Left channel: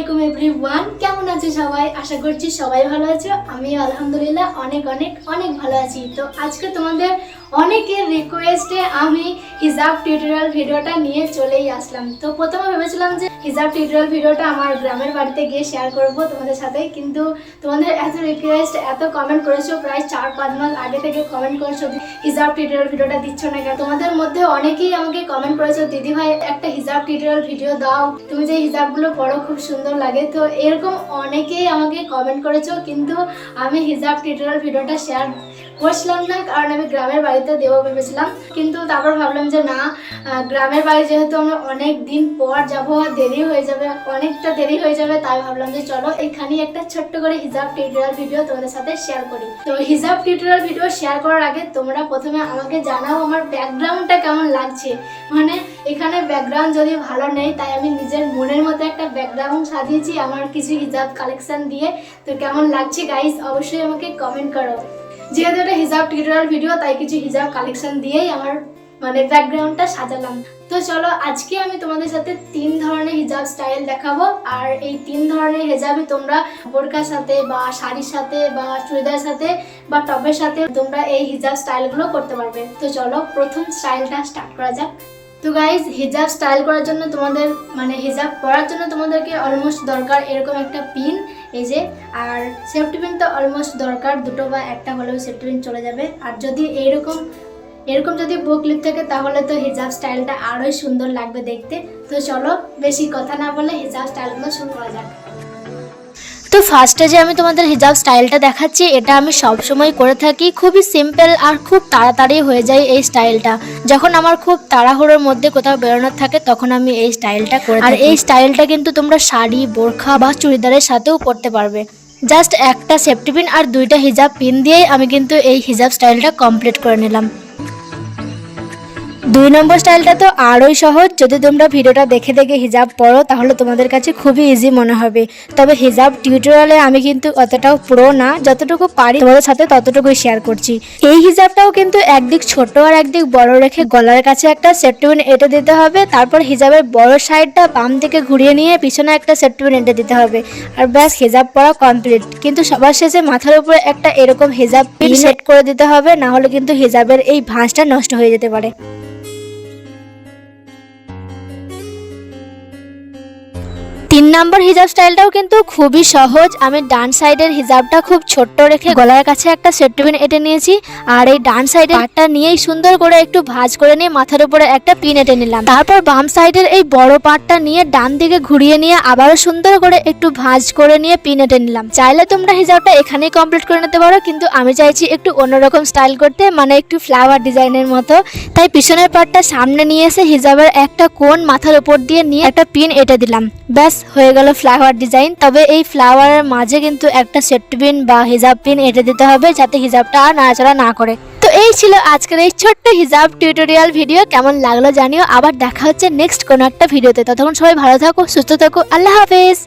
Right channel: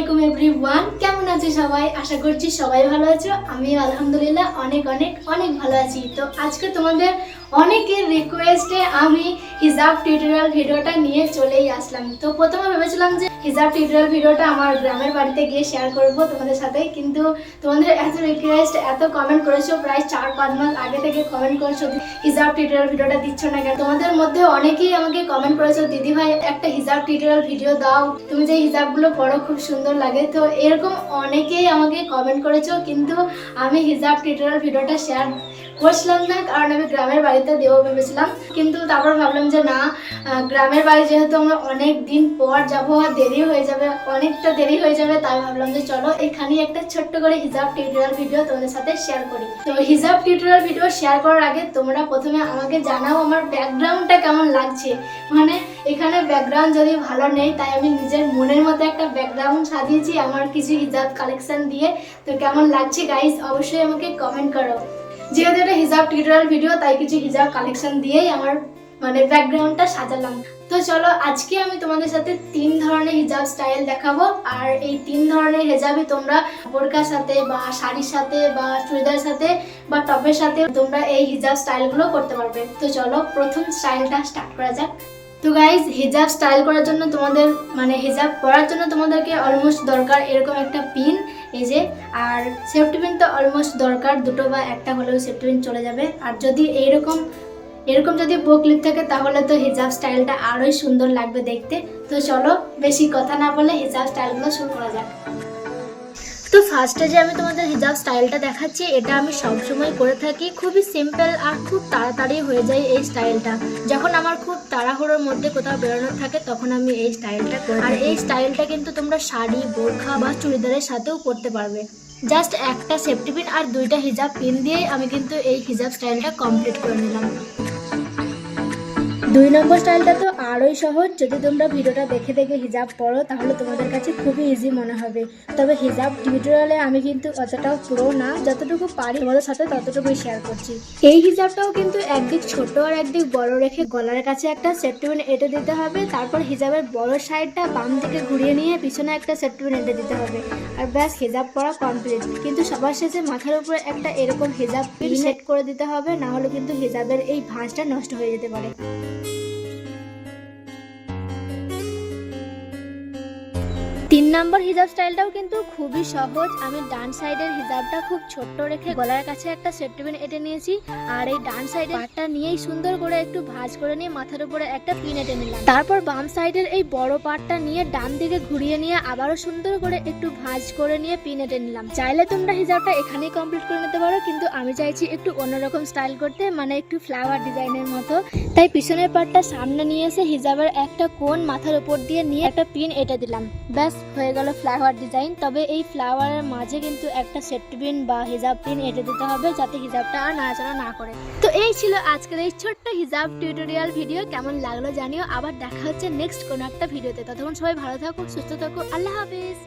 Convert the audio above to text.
Everyone. কেমন আছে সবাই? আশা করছি সবাই ভালো আছো। আমি আলহামদুলিল্লাহ অনেক অনেক অনেক ভালো আছি। তো আজকে তোমাদের অনেকের রিকোয়েস্টে আমি হিজাব টিউটোরিয়াল ভিডিওটা নিয়ে চলেই আসলাম। তো প্রথমে ভেবেছিলাম যে হিজাব টিউটোরিয়াল ভিডিওটা আমার গ্রামের বাড়িতে গিয়ে শেয়ার করব তোমাদের সাথে। কিন্তু তোমাদের এত রিকোয়েস্ট এত কমেন্ট করেছ, প্রায় চার পাঁচ মাস আগে থেকে কমেন্ট করেছ হিজাব টিউটোরিয়াল ভিডিওটা দিচ্ছ না কেন? তোমাদের মধ্যে অনেকেই আমাকে কমেন্ট করেছ, দিদি ভাই, একটা হিজাব টিউটোরিয়াল ভিডিও দাও। তুমি যে হিজাবগুলো পড়ো, খুব সুন্দর লাগে। তো এরকম অনেকেই আমাকে কমেন্ট করেছ, কিন্তু আমি হিজাব টিউটোরিয়াল ভিডিওটা শেয়ার করছিলাম না, কারণ আমি গ্রামের বাড়িতে দেবো ভেবেছিলাম। কিন্তু তারপর ভাবলাম যে না গ্রামের বাড়ি যেহেতু আমরা অনেক দিন পর যাব, আর দেরি হয়ে যাবে, অনেকটা দেরি হয়ে যাবে, তাই ভাবলাম যে চলো এখানে একটা ছোট্ট করে হিজাব টিউটোরিয়াল ভিডিও তোমাদের সাথে শেয়ার করি। তো হিজাব টিউটোরিয়াল ভিডিও শেয়ার করার আগে তোমরা প্রথমে আমাকে জানাও আমার ব্যাকগ্রাউন্ডটা কেমন লাগছে। মানে এখানে ব্যাকগ্রাউন্ড যদি ভালো নেই, তাই আমি নিজের মনের মতো একটা ব্যাকগ্রাউন্ড সাজিয়েছি আমার কিছু হিজাব কালেকশন দিয়ে। তো কেমন লাগছে গাইস অবশ্যই আমাকে কমেন্ট করো। যেহেতু এটা হিজাব টিউটোরিয়াল ভিডিও তাই কিছু হিজাব কালেকশন দিয়েই আমার মানে ব্যাকগ্রাউন্ডটা সাজালাম। তো চলো, আজকে আমি তোমাদের সাথে তিন ধরনের হিজাব স্টাইল দেখাবো। আর এই তিন ধরনের হিজাবই তোমরা বোরকার সাথে বা শাড়ির সাথে বা চুড়িদার সাথে বা টপের সাথে তোমরা এই হিজাব স্টাইলগুলো করতে পারবে। তো চলো, প্রথম স্টাইলটা স্টার্ট করা যাক। তো গাইজ হিজাব স্টাইল করার জন্য তোমাদের মানে হিজাব পরার জন্য তোমাদেরকে অলমোস্ট দরকার এরকম একটা পিন এই যে, আর সেফটি পিন তো অলমোস্ট দরকার। দুটো বা একটা হলেও সেফটি পিন চলে যাবে। আর যদি এইরকম এরকম যদি বুক বুকলিপ থাকে তাহলে তো হিজাব স্টাইলটা আরোই সুন্দর লাগবে দেখতে। তো চলো বেশি কথা না বলে হিজাব স্টাইলগুলো শুরু করা যাক। তো ফার্স্টে যে আমি তোমাদের হিজাব স্টাইলটা দেখাচ্ছি এটা আমি সব সময় করে থাকি। খুবই সিম্পল আর খুব তাড়াতাড়ি হয়ে যায় এই স্টাইলটা যখন আমার খুব তাড়াহুড়োর মধ্যে কোথাও বেরোনোর থাকে তখন আমি এই স্টাইলটা করি আর এই স্টাইলটা কিন্তু তোমরা শাড়ি বোরখা বা চুড়িদারের সাথেও করতে পারবে। জাস্ট একটা সেফটি পিন আর দুইটা হিজাব পিন দিয়েই আমি কিন্তু এই হিজাব স্টাইলটা কমপ্লিট করে নিলাম। দুই নম্বর স্টাইলটা তো আরোই সহজ। যদি তোমরা ভিডিওটা দেখে দেখে হিজাব পড়ো, তাহলে তোমাদের কাছে খুবই ইজি মনে হবে। তবে হিজাব টিউটোরিয়ালে আমি কিন্তু অতটাও প্রো না। যতটুকু পারি তোমাদের সাথে ততটুকুই শেয়ার করছি। এই হিজাবটাও কিন্তু একদিক ছোট আর একদিক বড় রেখে গলার কাছে একটা সেফটিপিন এঁটে দিতে হবে। তারপর হিজাবের বড় সাইডটা বাম দিকে ঘুরিয়ে নিয়ে পিছনে একটা সেফটিপিন এঁটে দিতে হবে। আর ব্যাস, হিজাব পরা কমপ্লিট কিন্তু সবার শেষে মাথার উপরে একটা এরকম হিজাব পিন সেট করে দিতে হবে। না হলে কিন্তু হিজাবের এই ভাঁজটা নষ্ট হয়ে যেতে পারে। তিন নম্বর হিজাব স্টাইলটাও কিন্তু খুবই সহজ। আমি ডান সাইডের হিজাবটা খুব ছোট্ট রেখে গলার কাছে একটা সেফটি পিন এঁটে নিয়েছি। আর এই ডান সাইডের পাটটা নিয়েই সুন্দর করে একটু ভাঁজ করে নিয়ে মাথার উপরে একটা পিন এঁটে নিলাম। তারপর বাম সাইডের এই বড় পাটটা নিয়ে ডান দিকে ঘুরিয়ে নিয়ে আবারও সুন্দর করে একটু ভাঁজ করে নিয়ে পিন এঁটে নিলাম। চাইলে তোমরা হিজাবটা এখানেই কমপ্লিট করে নিতে পারো, কিন্তু আমি চাইছি একটু অন্যরকম স্টাইল করতে মানে একটু ফ্লাওয়ার ডিজাইনের মতো। তাই পিছনের পাটটা সামনে নিয়ে এসে হিজাবের একটা কোণ মাথার উপর দিয়ে নিয়ে একটা পিন এঁটে দিলাম। ব্যাস হয়ে গেল ফ্লাওয়ার ডিজাইন তবে এই ফ্লাওয়ারের মাঝে কিন্তু একটা সেট পিন বা হিজাব পিন এঁটে দিতে হবে যাতে হিজাবটা আর নাড়াচড়া না করে। তো এই ছিল আজকের এই ছোট্ট হিজাব টিউটোরিয়াল ভিডিও কেমন লাগল জানিও। আবার দেখা হচ্ছে নেক্সট কোনো একটা ভিডিওতে ততক্ষণ সবাই ভালো থাকো, সুস্থ থাকো। আল্লাহ হাফেজ।